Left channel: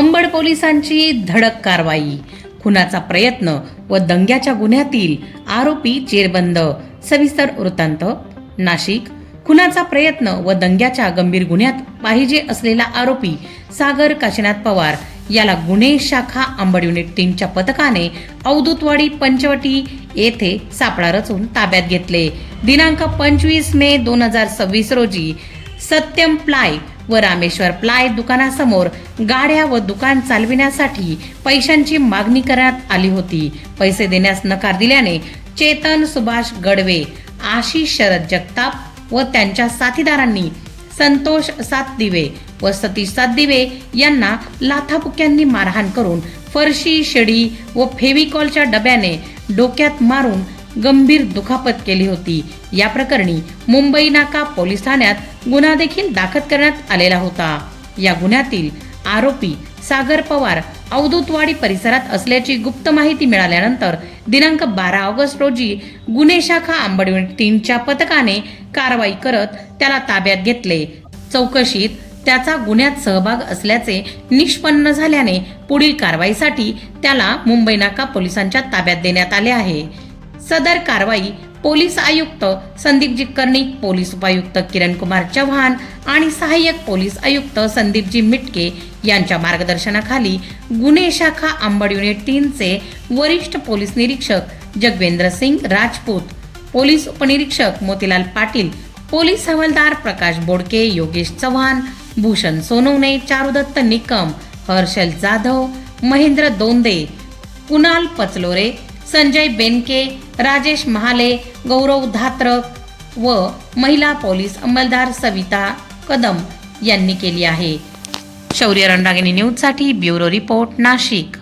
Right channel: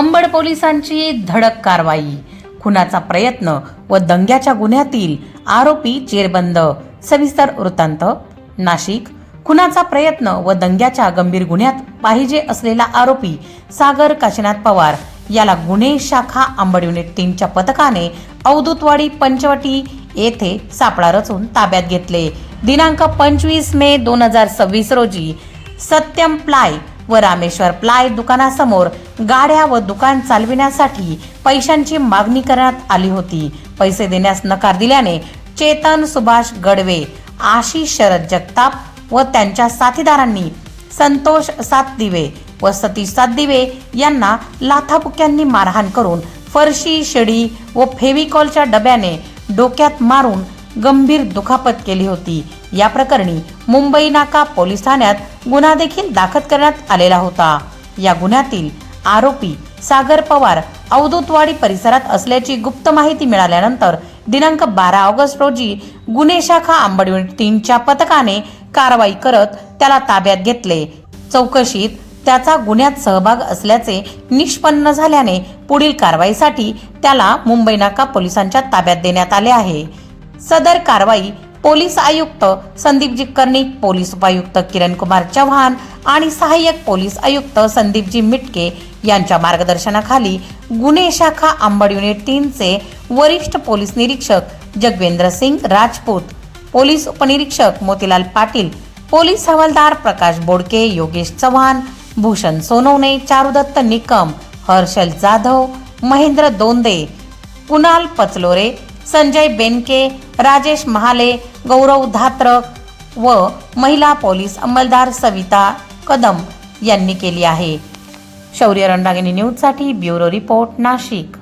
अंबड पोलिसांची धडक कारवाई, खुनाचा प्रयत्न व दंग्याच्या गुन्ह्यातील आरोपी जेरबंद. सविस्तर वृत्तांत. नाशिक. खुनाचा प्रयत्न व दंग्याच्या गंभीर गुन्ह्यात पाहिजे असलेला आरोपी सागर काशीनाथ पवार याला गुन्हे शाखा अंबड युनिट 3च्या पथकाने अवधूतवाडी पंचवटी येथे सापळा रचून ताब्यात घेतले. दिनांक 25 मे 2026 रोजी सत्यम प्लाय व रामेश्वर प्लाय दुकानासमोर गाड्या व दुकान चालविण्यासाठी पैशांची मागणी करण्यात आली होती. पैसे देण्यास नकार दिल्याने चेतन सुभाष गडवे, आशिष शरद जगताप व त्यांच्या साथीदारांनी संतोष सातदिवे व सतीश सातदिवे यांना लाथाबुक्यांनी मारहाण करून फरशी, शिडी व फेविकॉलच्या डब्याने डोक्यात मारून गंभीर दुखापत केली होती. या प्रकरणी मुंबई नाका पोलीस ठाण्यात गुन्हा देखील दाखल करण्यात आलेला होता. या गुन्ह्यातील आरोपी सागर पवार अवधूतवाडी परिसरात असल्याची गुप्त माहिती मिळाल्यानंतर दिनांक 12 ऑगस्ट रोजी गुन्हे शाखा अंबड युनिट 3च्या पथकाने कारवाई करत त्याला ताब्यात घेतले. चौकशीत त्याचा गुन्ह्यात सहभाग असल्याचे निष्पन्न झाल्याने पुढील कारवाईसाठी त्याला मुंबई नाका पोलिसांच्या ताब्यात देण्यात आले आहे. सदर कारवाई पोलीस आयुक्त संदीपजी कर्णिक, पोलीस उपायुक्त किरण कुमार चव्हाण आणि सहाय्यक पोलीस आयुक्त संदीपजी मिटके यांच्या मार्गदर्शनाखाली गुन्हे शाखा अंबड युनिट 3चे वरिष्ठ पोलीस निरीक्षक जगवेंद्र सिंग राजपूत, पोलीस उपनिरीक्षक मोतीलाल पाटील, पोलीस हवालदार प्रकाश बोडके, योगेश चव्हाण, भूषण सोनवणे, चारुदत्त निकम, हर्षल जाधव, महेंद्र दोंदे, कुणाल पचलोरे, संजय बेनके, राजेश महाले, गौरव धात्रक व महिला पोलीस अंमलदार सविता कदम यांनी केली आहे. शौर्य रणरागिणी न्यूजसाठी ब्युरो रिपोर्ट, नाशिक.